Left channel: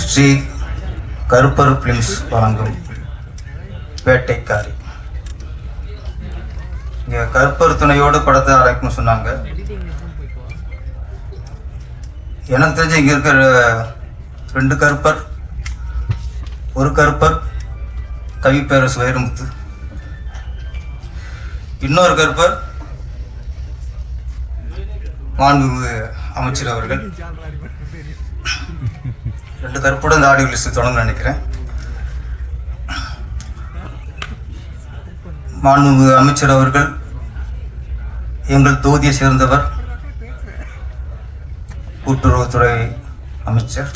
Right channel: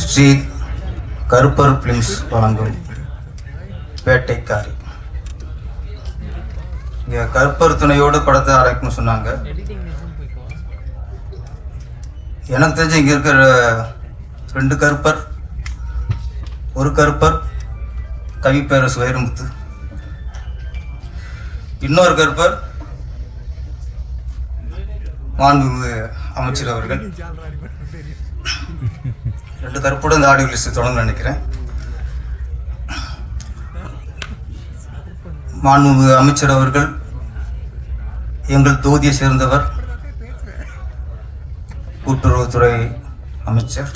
ஸ்ரீ கருப்பர் films வழங்கும் வேட்டைக்காரி. இங்கே கருப்பர் துணையோடு படத்தை அழைக்கணும்னு சொன்னாங்க. எனக்கு தெரிஞ்சு இங்கே இருக்கிற ரெண்டு கருப்பர் ஒரு கருப்பர் கவி பேரரசு வைரமுத்து இன்னொரு கருப்பர் மாண்புமிகு அமைச்சர் அவர்கள். ரெண்டு கருப்போட இந்த ஆடியோ லிஸ்ட் தொடங்க நினைக்கிறேன். மாண்புமிகு அமைச்சர் அவர்கள் எங்கள் தொகுதியை சேர்ந்தவர் கூட்டுறவுத்துறை அமைச்சர்.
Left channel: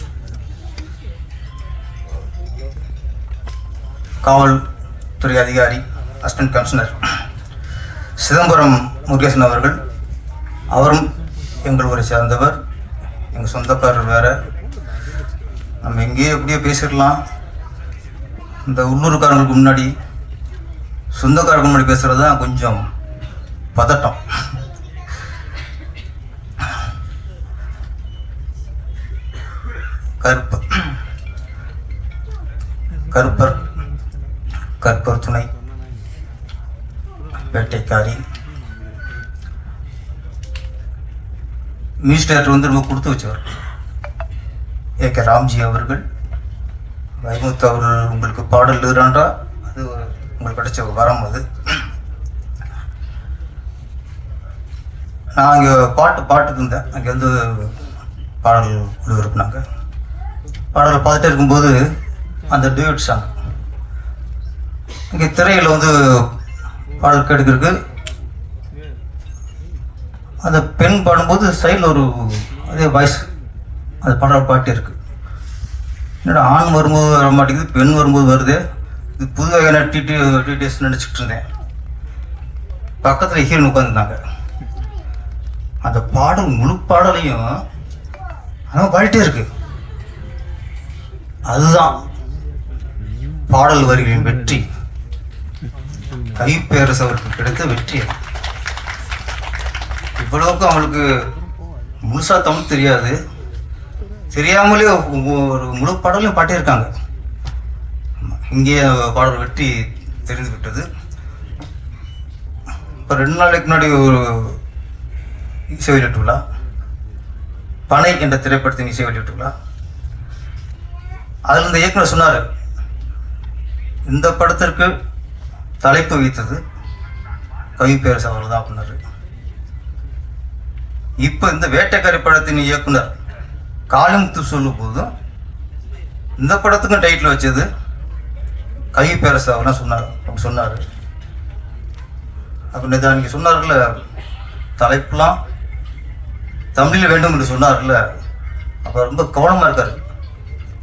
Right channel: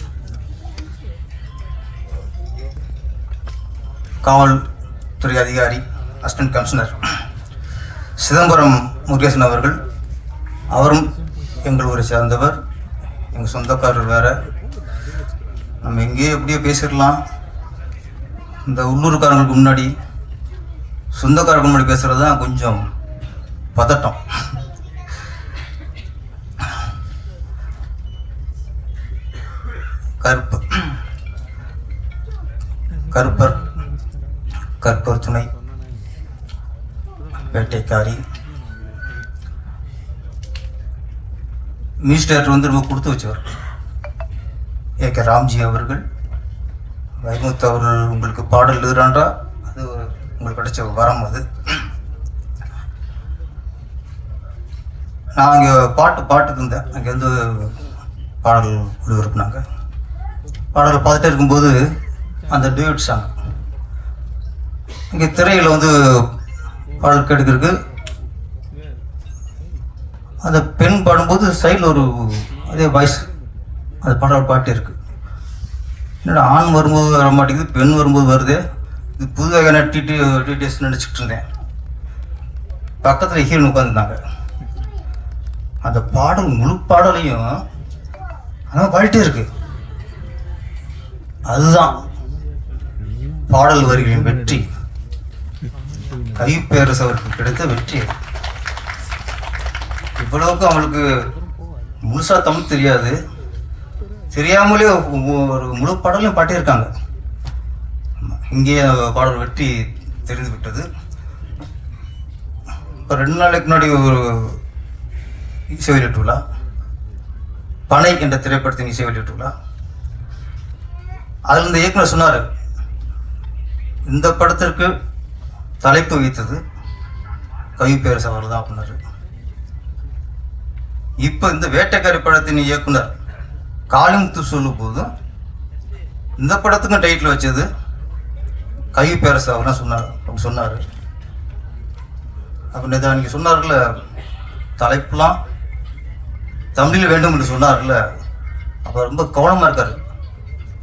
காவல்துறை அதிகாரி அசிஸ்டன்ட் கமிஷனர் சிதம்பரம் முருகேசன் அவர்கள். அவரும் எங்கள் ஊரை சேர்ந்தவர். எங்கள் சொந்தக்காரர் வேற. நம்ம எங்கேயோ எப்படியோ பேசிடலாம். இந்த உள்ளூர்காரங்களுக்கு முன்னாடி சொந்தக்காரருக்கு முன்னாடி பேசுகிறது தான் கொஞ்சம் பதட்டம். கருப்பர் கருப்பர் கற்பர் துணை. வேட்டைக்காரி. மினிஸ்டர் வந்து ரொம்ப கொடுத்து வச்சவர். ஏ கே ராம்ஜி அவர்கள். வைமுத்து அவர்கள் உங்களுக்கு பாடல் எழுதுறான்றா? அது உங்களுக்கு கிடைச்ச வரம் அது. நான் அங்கே பாட்டு பாட்டுக்கு இருந்தேன் அங்கே வந்து பாடல் ஒளிபரப்புனாங்க பாடலை பார்த்துட்டே இருக்கும்போது அந்த டியூட் சாங் இங்கே திரையில் வந்து பாடல் கேட்டுக்கிறதுக்கு அந்த பெண் பாடும்போது சைடில் ஒரு அதே வாய்ஸ் அந்த பாடல் பாட்டு இருக்குது என்னடா ஆண் வரும்போது வர மாட்டேங்குது பெண் வரும்போது வருது. இது புது வகையான டிடி டிடிஎஸ் நினச்சிக்கிட்டு இருந்தேன். பக்கத்தில் ஹீரோன் உட்காந்துருந்தாங்க அந்த பாடல் முழு பாடலையும் அவன் பாடிட்டே இருக்குது அதுதான் பாடல் வரிகளின் வெற்றி. கைப்பேரசு அவருக்கு கிடைத்த வெற்றி இவ்வளவுக்கு அவங்களுக்கு முழுசா தமிழ் தெரியாது. தெரியாமலே ஒரு முழு பாடலையும் பாட்டியிருக்காங்க இங்கே பாடல் வெற்றி தெரிந்து விட்டது. இப்போ ரெண்டு நாளைக்கு முன்னாடி ஒரு இசை வெளியிட்டு விழா பனை என்ற திரைப்படத்தின் இசை வெளியிட்டு விழா அதில் இந்த இயக்குனர் சொன்னார் இந்த படத்திற்கு தலைப்பு வைத்தது கவி பேரரசு அவர் தான் அப்படின்னாரு. இப்போ இந்த வேட்டைக்காரி படத்தின் இயக்குனர் காளிமுத்து சொல்லும் போதும் இந்த படத்துக்கும் டைட்டில் வச்சது கவி பேரரசு அவர் தான் சொன்னார் அப்படி சொன்னார். அப்போ நேற்று அன்னைக்கு சொன்னார்ல தலைப்புலாம் தமிழில் வேண்டும் என்று சொன்னார்ல அப்போ ரொம்ப கவனமாக இருக்கார்.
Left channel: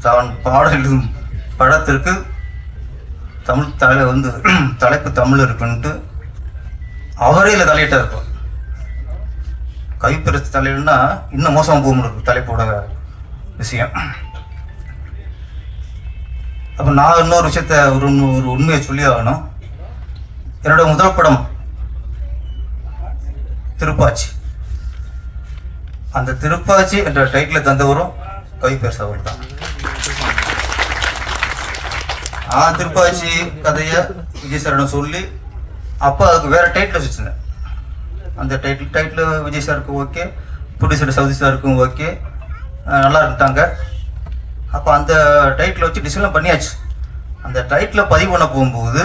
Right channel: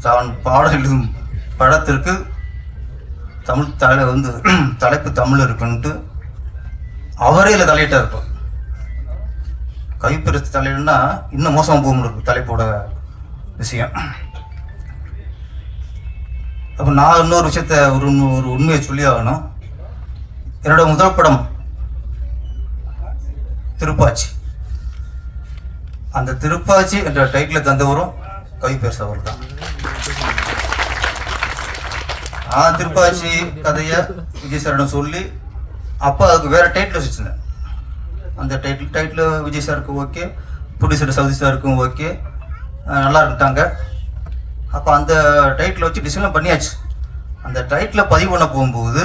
தான் பாடல் எழுதும் படத்திற்கு தமிழ் தலை வந்து தலைப்பு தமிழ் இருக்குன்ட்டு அவரே இல்லை தலையிட்டா இருக்கும் கைப்பெருத்து தலைவன்னா இன்னும் மோசமாக போக முடியும் தலைப்போட விஷயம். அப்போ நான் இன்னொரு விஷயத்த ஒரு ஒரு உண்மையை சொல்லி ஆகணும். என்னோட முதல் படம் திருப்பாச்சி. அந்த திருப்பாச்சி என்ற டைட்டில் தந்தவரும் கைப்பேச அவர் தான் ஆ திருப்பாச்சி கதையை விஜய் சாரிடம் சொல்லி அப்போ அதுக்கு வேற டைட்டில் வச்சுருந்தேன். அந்த டைட்டில் டைட்டில் விஜய் சாருக்கும் ஓகே ப்ரொடியூசர் சவுதி சாருக்கும் ஓகே நல்லா இருந்துட்டாங்க. அப்போ அந்த டைட்டில் வச்சு டிசைன்லாம் பண்ணியாச்சு. அந்த டைட்டில் பதிவு பண்ண போகும்போது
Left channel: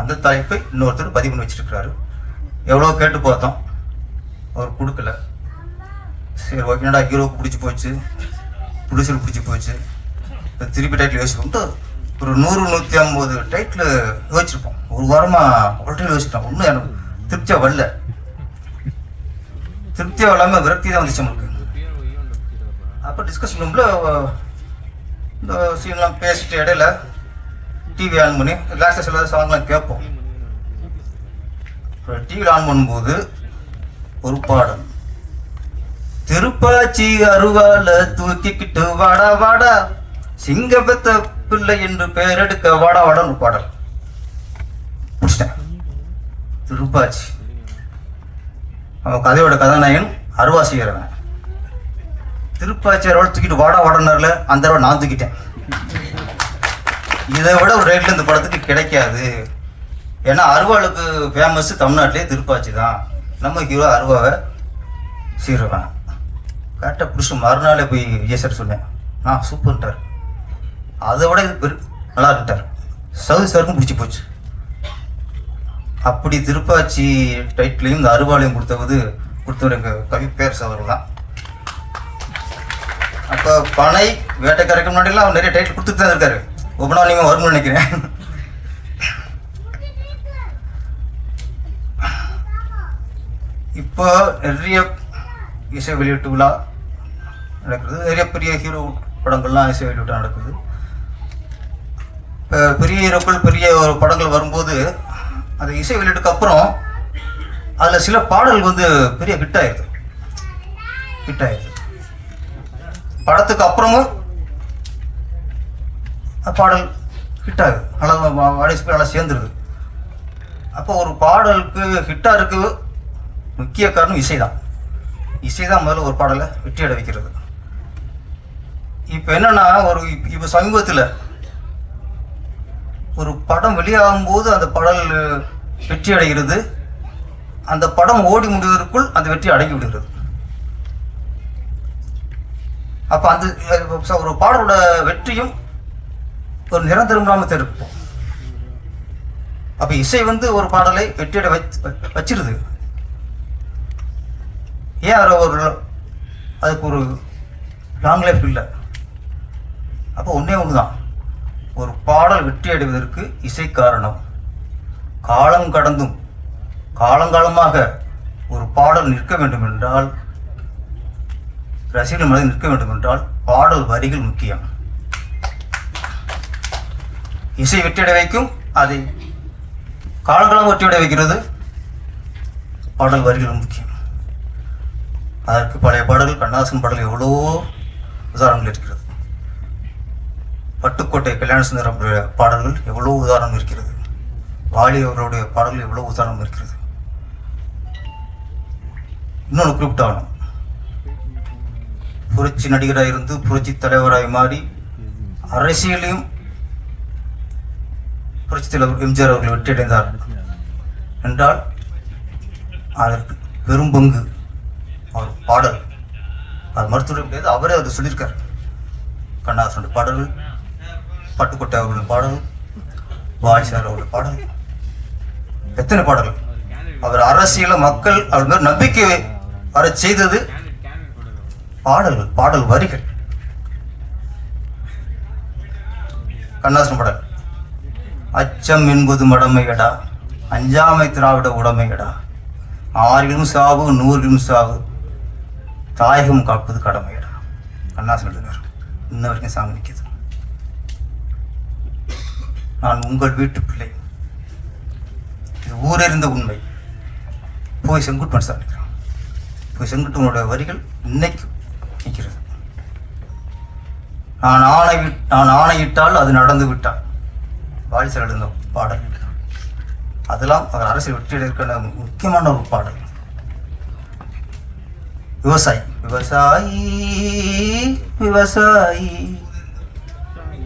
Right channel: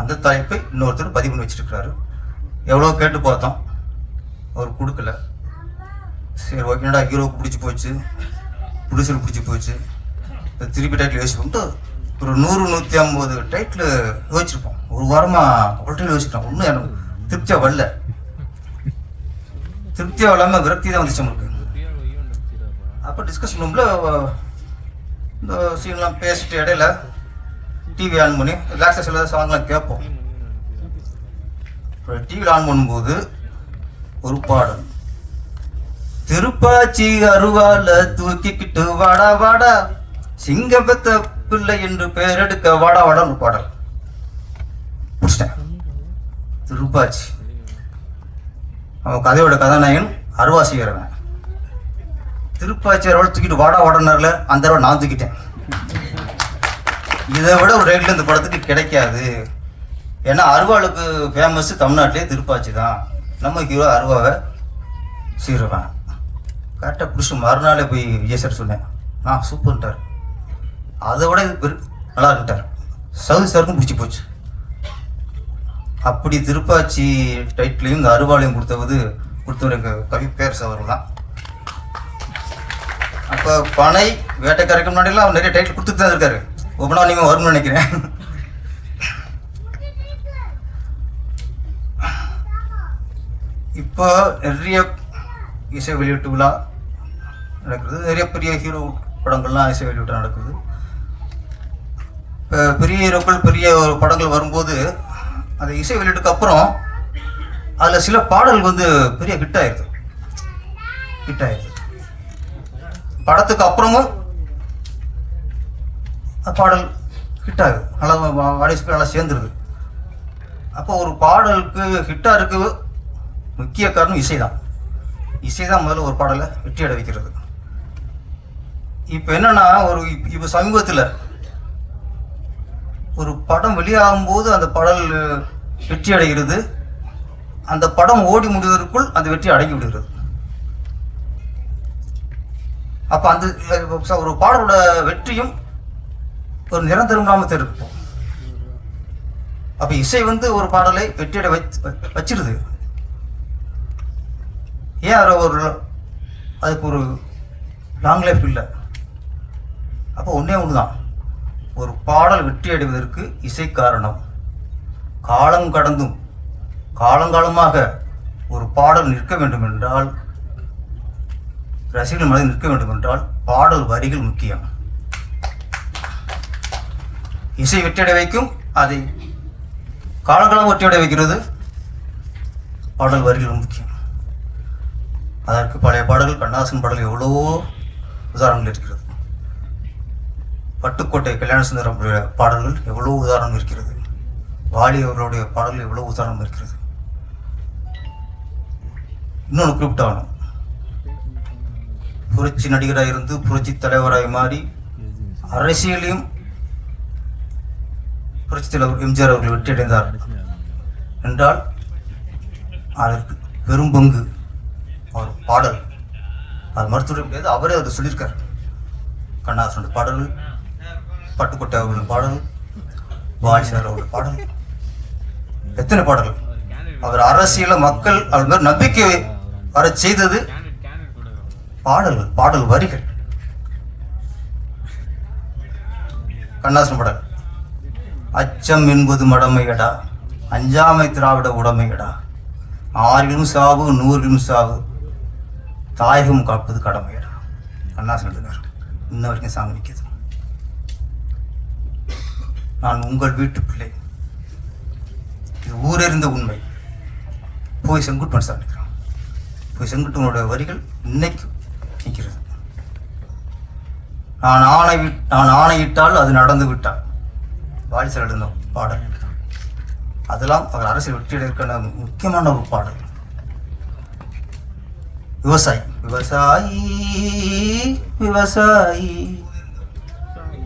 அந்த தலைப்பை இன்னொருத்தர் பதிவு பண்ணி வச்சிருக்கிறாரு. எவ்வளோ கேட்டு பார்த்தோம். அவர் கொடுக்கல. சரி ஓகேடா ஹீரோவுக்கு பிடிச்சி போச்சு? ப்ரொடியூசருக்கு பிடிச்சி போச்சு. இப்போ திருப்பி டைட்டில் யோசிச்சு பண்ணிட்டு ஒரு நூறு நூற்றி ஐம்பது டைட்டில் யோசிச்சிருப்போம். ஒரு வாரமாக அவ்வளோ யோசிச்சிட்டோம். ஒன்றும் எனக்கு திருப்தியாக வரல. திருப்தியாக வராமல் விரக்தி தான் வந்துச்சு நம்மளுக்கு. அப்போ டிஸ்கஸ் ரூமில் இந்த சீன்லாம் பேசிட்டு இடையில டிவி ஆன் பண்ணி லாஸ்ட்டில் சில சாங்லாம் கேட்போம். டிவியில் ஆன் பண்ணும்போது ஒரு பாடல். திருப்பாச்சி அருவால தூக்கிக்கிட்டு வாடா வாடா. சிங்கபத்த பிள்ளை என்று பெயரெடுக்க வாடா வாடான்னு பாடல். திருப்பாச்சி. அவன் கதையோட கதாநாயகன் அருவா செய்கிறவன் திருப்பாச்சி அருவாள் தூக்கிட்டு வாடா வாடனார்ல அந்த அருவா நான் தூக்கிட்டேன். இதை விட ஒரு ரேட்ல இந்த படத்துக்கு கிடைக்காது. ஏன்னா அருவாளுக்கு ஃபேமஸ் தமிழ்நாட்டிலே திருப்பாச்சி தான். நம்ம ஹீரோ அருவாவை சீருவேன். கரெக்டாக பிடிச்சி மறுநாளே போய் விஜய் சார் சொன்னேன். ஆ சூப்பர்ன்ட்டார் அதை விட இது பெரு நல்லா இருக்கிட்டார் சவுதி சாருக்கும் பிடிச்சி போச்சு. அப்படி திருப்பாச்சி டைட்டிலையும் இந்த அருவாளையும் கொடுத்தது கொடுத்தவர் எங்கள் கவி பேர் அவர் தான் அப்போ பனை வேட்டைக்காரருக்கு முன்னாடிலாம் அவர் நிறைய டைட்டில் கொடுத்துட்டு தான் இருக்காரு. ஒவ்வொன்றா நீங்கள் வரும்னு நினைக்கிறேன். இப்போ நிறைய இசை வெளியீட்டு விழா நடக்குது. நிறைய பெரிய ஹீரோ படங்கள்லாம் இசை வெளியீட்டு நடக்குது. இப்போ பெரிய ஹீரோக்கள் பெரிய ஒரு படங்கள் வரும்போது அந்த இசை வெளியீட்டுக்கு அப்புறம் அதில் சில பாடல் வந்து பெரிய ஹிட் ஆயிடுது. ஹிட் ஆயிடுது. படத்துக்கு அப்புறமும் பாடல் ஹிட் ஆகுது. நல்லா ஆடியன்ஸ் நல்லா சேர்ந்துருது. அப்போ ஒரு பாடலுக்கு ஹிட்டாக இருக்கு. முக்கிய காரணம் இசை தான் இசை தான் முதல்ல ஒரு பாடலை வெற்றி அடை வைக்கிறது. இப்போ என்னன்னா ஒரு இப்போ சமீபத்தில் ஒரு படம் வெளியாகும் போது அந்த பாடல் வெற்றி அடைகிறது. அந்த படம் ஓடி முடிவதற்குள் அந்த வெற்றி அடங்கி விடுகிறது. அப்போ அந்த ஒரு பாடலோட வெற்றியும் ஒரு நிரந்தரம் இல்லாமல் இருக்கும் அப்போ இசை வந்து ஒரு பாடலை வெற்றியடை வச்சிருது. ஏன் அதில் ஒரு அதுக்கு ஒரு லாங் லைஃப் இல்லை? அப்போ ஒன்றே ஒன்று தான் ஒரு பாடல் வெற்றி அடைவதற்கு இசை காரணம். காலம் கடந்தும் காலங்காலமாக ஒரு பாடல் நிற்க வேண்டும் என்றால் ரசிகர்கள் மனதில் நிற்க வேண்டும் என்றால் பாடல் வரிகள் முக்கியம். இசை வெற்றியடை வைக்கும் அதை காலங்காலம் வெற்றியடை வைக்கிறது பாடல் வரிகள் முக்கியம். அதற்கு பழைய பாடல்கள் கண்ணாசன் பாடல் எவ்வளவோ உதாரணங்கள் இருக்கிறது. பட்டுக்கோட்டை கல்யாண சுந்தரம் பாடல்கள் எவ்வளோ உதாரணம் இருக்கிறது. வாலி அவர்களுடைய பாடல்கள் எவ்வளோ உதாரணம் இருக்கிறது. இன்னொன்று குறிப்பிட்டாகணும். புரட்சி நடிகராக இருந்து புரட்சி தலைவராய் மாறி அரசியலையும் புரட்சி தலைவர் எம்ஜிஆர் அவர்கள் வெற்றியடைந்தார். என்றால் அதற்கு பெரும் பங்கு அவர் பாடல். அது மருத்துவர் கிடையாது அவரே அதை சொல்லியிருக்கார். கண்ணாசனுடைய பாடல் பட்டுக்கோட்டை அவர்களுடைய பாடல் வாய்ஸார் அவருடைய பாடல் எத்தனை பாடல்கள் அவர் அரசியல மக்கள் அவர் மாதிரி நம்பிக்கை வர செய்தது பாடல்கள் பாடல் வரிகள். கண்ணாசன் பாடல். அச்சம் என்பது மடமையடா அஞ்சாமை திராவிட உடமையடா. ஆறிலும் சாவு நூறிலும் சாவு தாயகம் காப்பது கடமையடா அண்ணா சொல்லுங்கள் இன்ன வரைக்கும் சாமி நிற்கிது. நான் உங்கள் வீட்டு பிள்ளை. இது ஊரறிந்த உண்மை. போய் செங்குட்டுவன் சாமிக்கிறான் போய் செங்குட்டுவனுடைய வரிகள் இன்னைக்கு நிற்கிறது. நான் ஆணை நான் ஆணையிட்டால் அது நடந்து விட்டால். வாரிசல் எழுந்த பாடல். அதெல்லாம் அவர் அரசியல் வெற்றியில் இருக்கிற முக்கியமான ஒரு பாடல். விவசாயி. விவசாயி விவசாயி.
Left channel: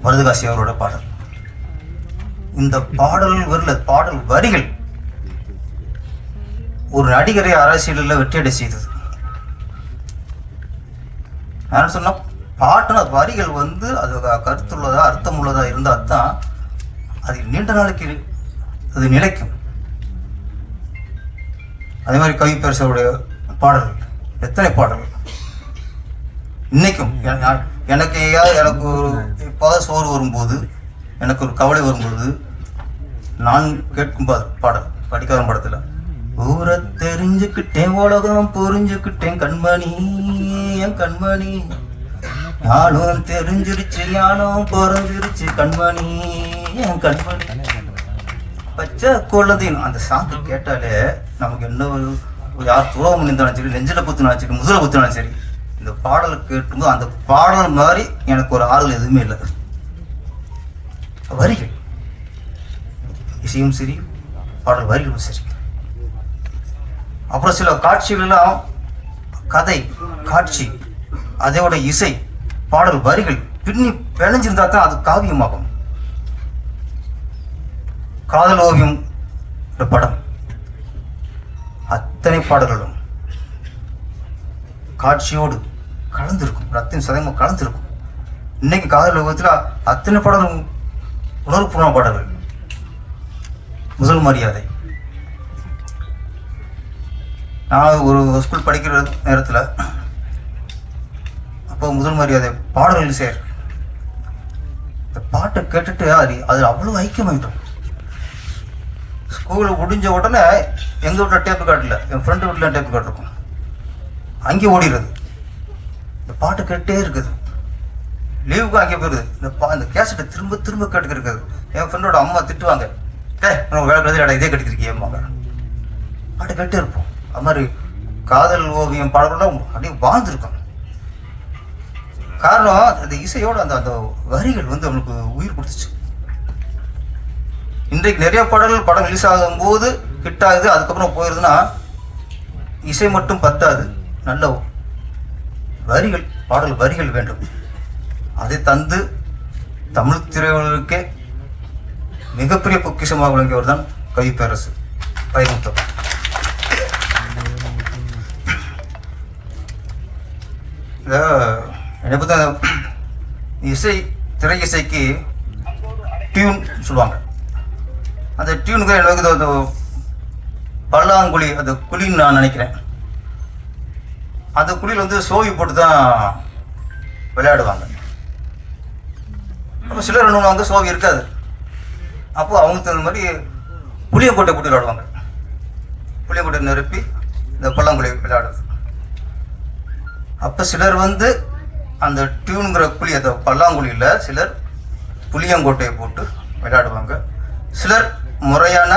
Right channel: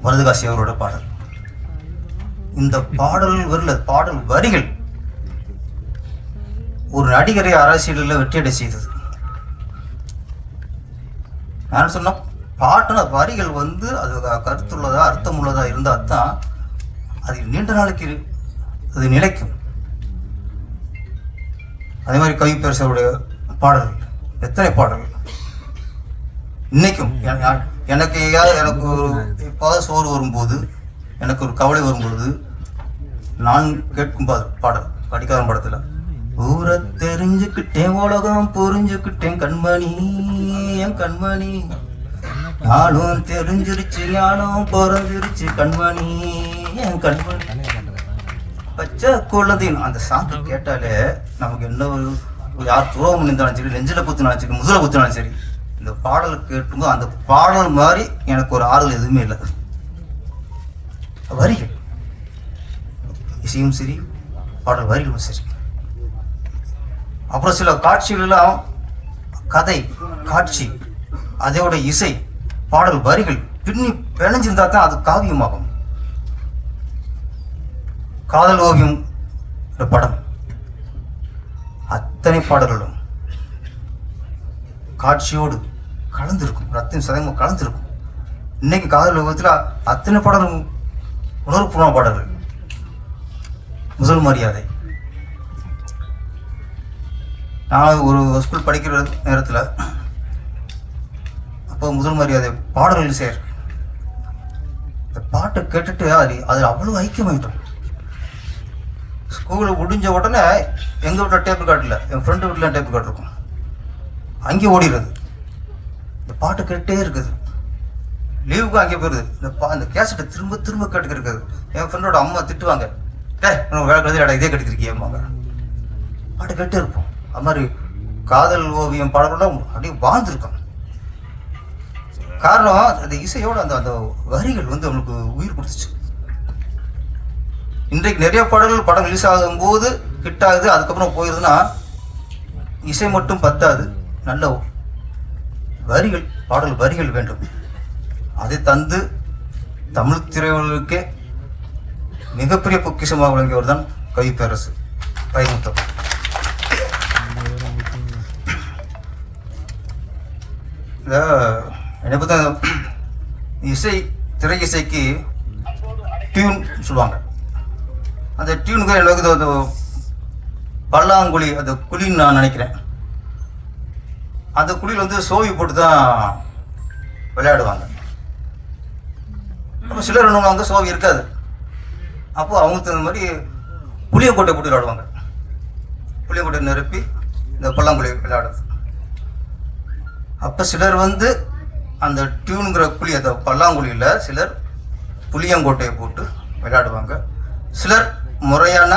வரதுகாசி அவரோட பாடல். இந்த பாடல் வரல பாடல் வரிகள். ஒரு நடிகரை அரசியலில் வெற்றியடை செய்தது. நான் சொன்ன பாட்டுன வரிகள் வந்து அது கருத்துள்ளதா அர்த்தமுள்ளதா இருந்தால் தான் அது நீண்ட நாளைக்கு அது நிலைக்கும். அதே மாதிரி கவி பேரசருடைய பாடல்கள். எத்தனை பாடல்கள்? இன்னைக்கும் எனக்கு ஏதாவது எனக்கு ஒரு எப்பாவது சோறு வரும்போது எனக்கு ஒரு கவலை வரும்பொழுது நான் கேட்கும் பாடல் படிக்காத படத்தில் ஊரை தெரிஞ்சுக்கிட்டேன் உலகம் புரிஞ்சுக்கிட்டேன் கண்மணி என் கண்மணி. நானும் தெரிஞ்சிருச்சு யானும் பிறந்திருச்சு கண்மணி என் கண்மணி. பச்சை குழந்தைன்னு அந்த சாங்கு கேட்டாலே நமக்கு என்ன ஒரு யார் துரோகம் பண்ணியிருந்தாலும் சரி நெஞ்சில குத்தினாலும் சரி முதல குத்தினாலும் சரி இந்த பாடல் கேட்கும்போது அந்த பாடல் மாதிரி எனக்கு ஒரு ஆறுதல் எதுவுமே இல்லை. வரிகள். இசையும் சரி பாடல் வரிகளும் சரி. அப்புறம் சில காட்சிகள்லாம் கதை காட்சி அதோட இசை பாடல் வரிகள் பின்னி பிணைஞ்சிருந்தா தான் அது காவியமாகும். காதல் ஓவியம் படம். அத்தனை பாடல்களும் காட்சியோடு கலந்திருக்கும் ரத்தின் சதயமும் கலந்திருக்கும். இன்னைக்கு காதல் ஓவியத்தில் அத்தனை பாடல்களும் உணர்வுபூர்வ பாடல்கள். முதல் மரியாதை. நான் ஒரு ஸ்கூல் படிக்கிற நேரத்தில் அப்போ முதல் மரியாதை பாடல்கள் சேர். இந்த பாட்டை கேட்டுட்டு அது அது அவ்வளோ ஐக்கியமாயிட்டோம். ஸ்கூல் முடிஞ்ச உடனே எங்கள் வீட்டில் டேப் காட்டில் என் ஃப்ரெண்டு வீட்டில் டேப் காட் இருக்கும். அங்கே ஓடிடுறது இந்த பாட்டு கேட்டே இருக்குது. லீவுக்கு அங்கே போயிருது. இந்த பா இந்த கேசட்டை திரும்ப திரும்ப கேட்டுக்கு இருக்குது. என் ஃப்ரெண்டோட அம்மா திட்டுவாங்க. டே நம்ம வேலை கதை இதே கட்டிருக்கியம்மாங்க பாட்டு கேட்டே இருப்போம். அது மாதிரி காதல் ஓவியம் பாடலாம் அப்படியே வாழ்ந்துருக்கோம். காரணம் அந்த இசையோட அந்த அந்த வரிகள் வந்து அவனுக்கு உயிர் கொடுத்துச்சு. இன்றைக்கு நிறைய பாடல்கள் படம் ரிலீஸ் ஆகும்போது ஹிட் ஆகுது அதுக்கப்புறம் போயிருதுன்னா இசை மட்டும் பத்தாது. நல்ல வரிகள் பாடல் வரிகள் வேண்டும். அதை தந்து தமிழ் திரையுலகுக்கே மிகப்பெரிய பொக்கிஷமாக விளங்கியவர் தான் கவி பேரரசு. வைகுண்டம் என்னை பொறுத்த இசை திரை இசைக்கு டியூன் சொல்லுவாங்க. அந்த டியூனுக்கு எனக்கு அந்த பல்லாங்குழி அந்த குழின்னு நான் நினைக்கிறேன். அந்த குழியில் வந்து சோவி போட்டு தான் விளையாடுவாங்க. அப்போ சிலர் என்னவாங்க சோவி இருக்காது. அப்போ அவங்களுக்கு தகுந்த மாதிரி புளியங்கொட்டை போட்டு விளையாடுவாங்க. புளியங்கொட்டை நிரப்பி இந்த பல்லாங்குழி விளையாடுறது. அப்போ சிலர் வந்து அந்த டியூனுங்கிற குழி அந்த பல்லாங்குழியில் சிலர் புளியங்கோட்டையை போட்டு விளையாடுவாங்க. சிலர் முறையான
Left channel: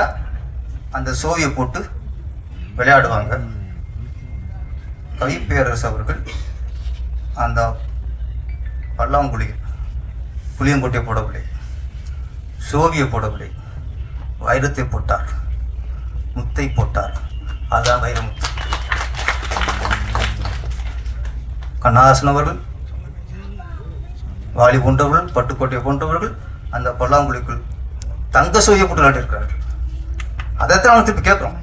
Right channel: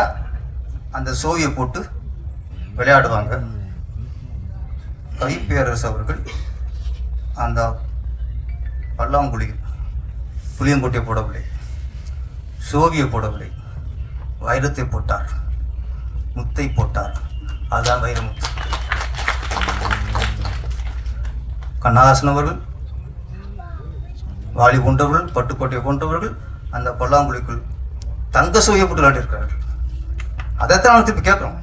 அந்த சோவியை போட்டு விளையாடுவாங்க. கவிப்பேரரசு அவர்கள் அந்த பல்லாங்குழியில் புளியங்கொட்டை போடவில்லை. சோவியை போடவில்லை. வைரத்தை போட்டார். முத்தை போட்டார். அதுதான் வைரமுத்து கண்ணஹாசன் அவர்கள் வாலி போன்றவர்கள் பட்டுக்கோட்டை போன்றவர்கள் அந்த பல்லாங்குழிக்குள் தங்க சோவியை போட்டு விளையாடிருக்கிறார்கள் அதைத்தான் அவன் திருப்பி கேட்குறோம்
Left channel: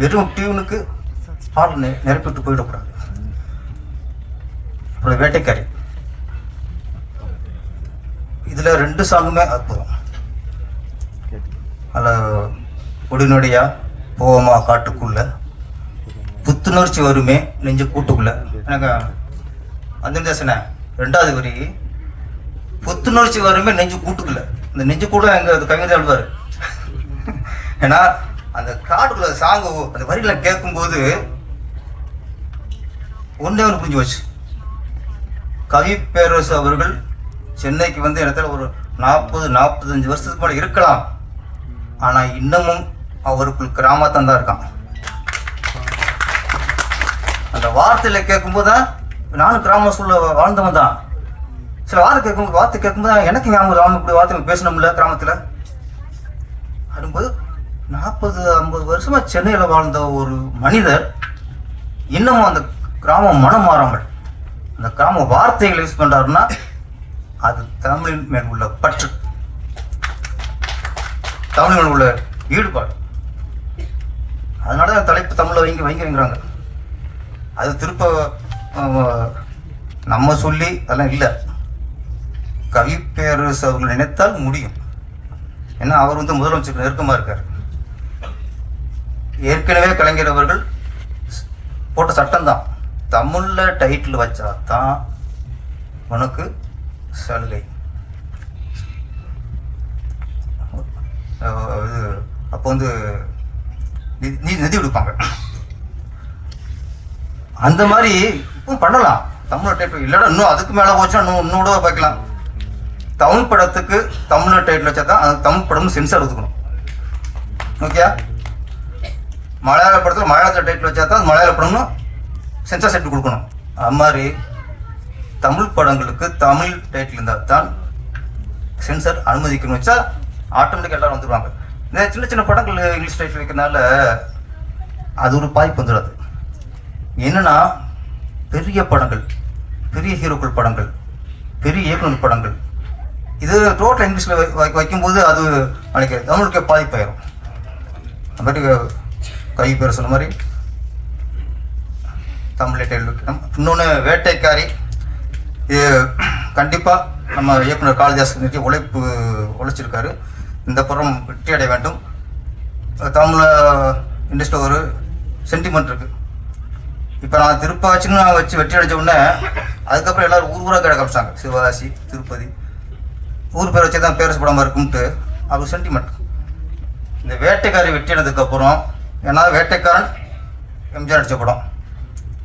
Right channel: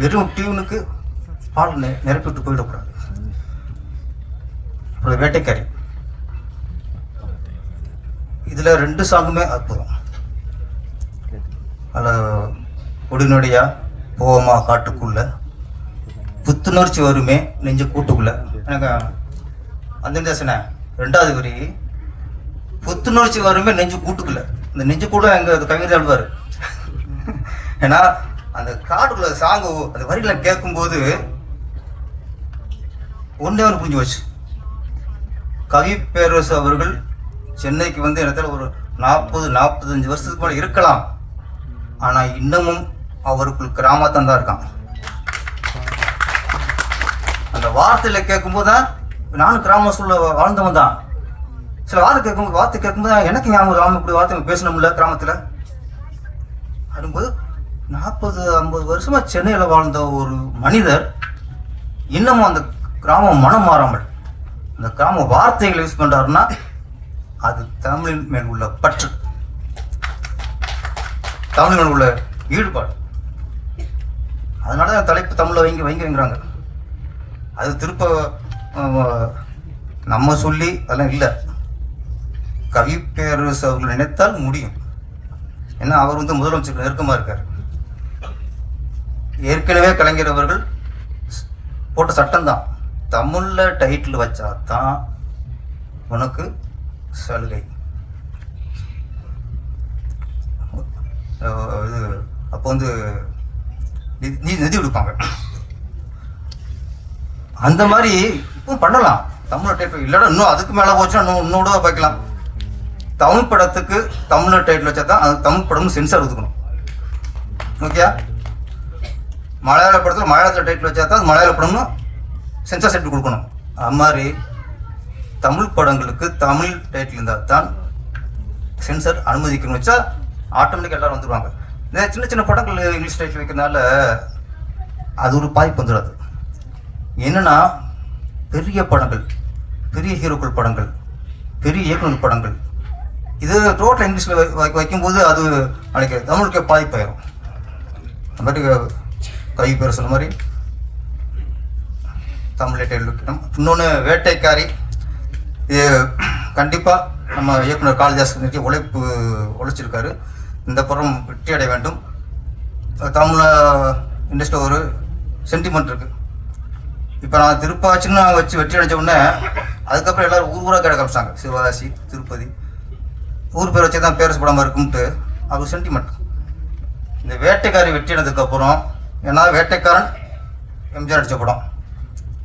வெறும் டியூனுக்கு பால் நெ நிரப்பிட்டு போயிடக்கூடாது. அப்புறம் வேட்டைக்காரி. இதில் ரெண்டு சாங்குமே அற்புதம். அதில் ஒடிநொடியா போவோமா காட்டுக்குள்ள புத்துணர்ச்சி வருமே நெஞ்சு கூட்டுக்குள்ள. எனக்கு அந்த ரெண்டாவது வரி புத்துணர்ச்சி வருமே நெஞ்சு கூட்டுக்குள்ள. இந்த நெஞ்சு கூட எங்க கவிஞர் கவிதை ஏன்னா அந்த காட்டுக்குள்ள சாங்கு அந்த வரிகளை கேட்கும்போது ஒன்றே ஒன்று புரிஞ்சு வச்சு கவி பேரரசு அவர்கள் சென்னைக்கு வந்து இடத்துல ஒரு நாற்பது நாற்பத்தஞ்சு வருஷத்துக்கு மேலே இருக்கலாம். ஆனால் இன்னமும் அவருக்குள் கிராமத்தான் தான் இருக்கான். அந்த வார்த்தையில கேட்கும்போது தான் நானும் கிராம சூழல வாழ்ந்தவன் தான். சில வார்த்தை கேட்கும்போது வார்த்தை கேட்கும்போது எனக்கு ஞாபகம் ராம இப்படி வார்த்தை பேசணும்ல கிராமத்தில். அப்படிங்கும்போது நாற்பது ஐம்பது வருஷமா சென்னையில் வாழ்ந்த ஒரு மனிதர் இன்னமும் அந்த கிராமம் மனம் மாறாமல் அந்த கிராம வார்த்தைகளை யூஸ் பண்ணுறாருன்னா அது தமிழின் மேல் உள்ள பற்று. தமிழ் மேல் உள்ள ஈடுபாடு. அதனால தான் தலைப்பு தமிழில் வைங்க வைங்கிறாங்க அது திருப்ப நம்ம சொல்லி அதெல்லாம் இல்லை. கவி பேரரசு அவர்கள் நினைத்தால் முடியும். ஏன்னா அவர் வந்து முதலமைச்சருக்கு நெருக்கமாக இருக்கார். ஏற்கனவே கலைஞர் அவர்கள் போட்ட சட்டம்தான். தமிழில் டைட்டில் வச்சா தான் உனக்கு சலுகை. இது அப்போ வந்து நிதி- நிதி நிதி கொடுப்பாங்க. அந்த மாதிரி இப்போ பண்ணலாம். தமிழ் டைட்டில் இல்லைன்னா இன்னும் அதுக்கு மேலே போச்சுன்னா இன்னும் இன்னும் கூட வைக்கலாம் தமிழ் படத்துக்கு தமிழ் டைட்டில் வச்சா தான் அந்த தமிழ் படம் சென்சார் ஒதுக்கணும். ஓகே மலையாள படத்தில் மலையாளத்தில் டைட்டில் வச்சா தான் மலையாள படம்னு சென்சார் செட்டு கொடுக்கணும். அது மாதிரி தமிழ் படங்களுக்கு தமிழ் டைட்டில் இருந்தால் தான் சென்சார் அனுமதிக்கணும் வச்சா ஆட்டோமேட்டிக் எல்லாரும் வந்துடுவாங்க இந்த சின்ன சின்ன படங்கள் இங்கிலீஷ் டைட்டில் வைக்கிறனால அது ஒரு பாதிப்பு வந்துடாது. என்னென்னா பெரிய படங்கள் பெரிய ஹீரோக்கள் படங்கள் பெரிய இயக்குநர் படங்கள் இது டோட்டல் இங்கிலீஷில் வை வைக்கும்போது அது நாளைக்கு தமிழுக்கு பாதிப்பாயிரும் அந்த மாதிரி கை பேர் சொன்ன மாதிரி. தமிழ் இன்னொன்று வேட்டைக்காரி. இது கண்டிப்பாக நம்ம இயக்குனர் காளிதாஸ் நிறுத்தி உழைப்பு உழைச்சிருக்காரு. இந்த படம் வெற்றி அடைய வேண்டும். தமிழ் இண்டஸ்ட்ரியில் ஒரு சென்டிமெண்ட் இருக்குது இப்போ நான் திருப்பாச்சின்னு வச்சு வெற்றி அடைஞ்ச உடனே அதுக்கப்புறம் எல்லாரும் ஊர் ஊராக கிடக்க ஆரம்பிச்சாங்க. சிவகாசி திருப்பதி ஊர் பேர் வச்சு தான் பேரஸ் படமாக இருக்கும்ட்டு அவர் சென்டிமெண்ட் இந்த வேட்டைக்காரி வெற்றினதுக்கப்புறம் ஏன்னா வேட்டைக்காரன் எம்ஜிஆர் அடித்த படம்.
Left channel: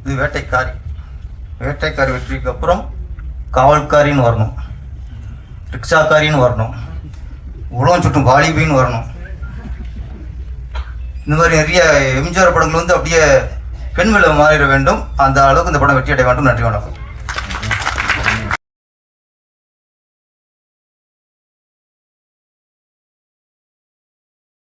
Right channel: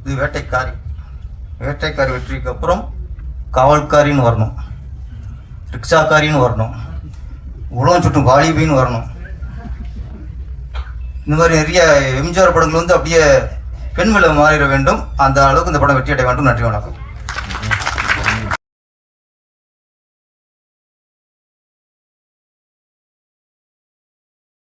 இது வேட்டைக்காரி. வேட்டைக்காரி வெற்றிக்கு அப்புறம் காவல்காரின்னு வரணும். ரிக்ஷாக்காரின்னு வரணும். உழவு சுட்டும் வாலிபின்னு வரணும். இந்த மாதிரி நிறைய எம்ஜிஆர் படங்கள் வந்து அப்படியே பெண்மலை மாறிட வேண்டும். அந்த அளவுக்கு இந்த படம் வெற்றி அடைய வேண்டும். நன்றி வணக்கம்.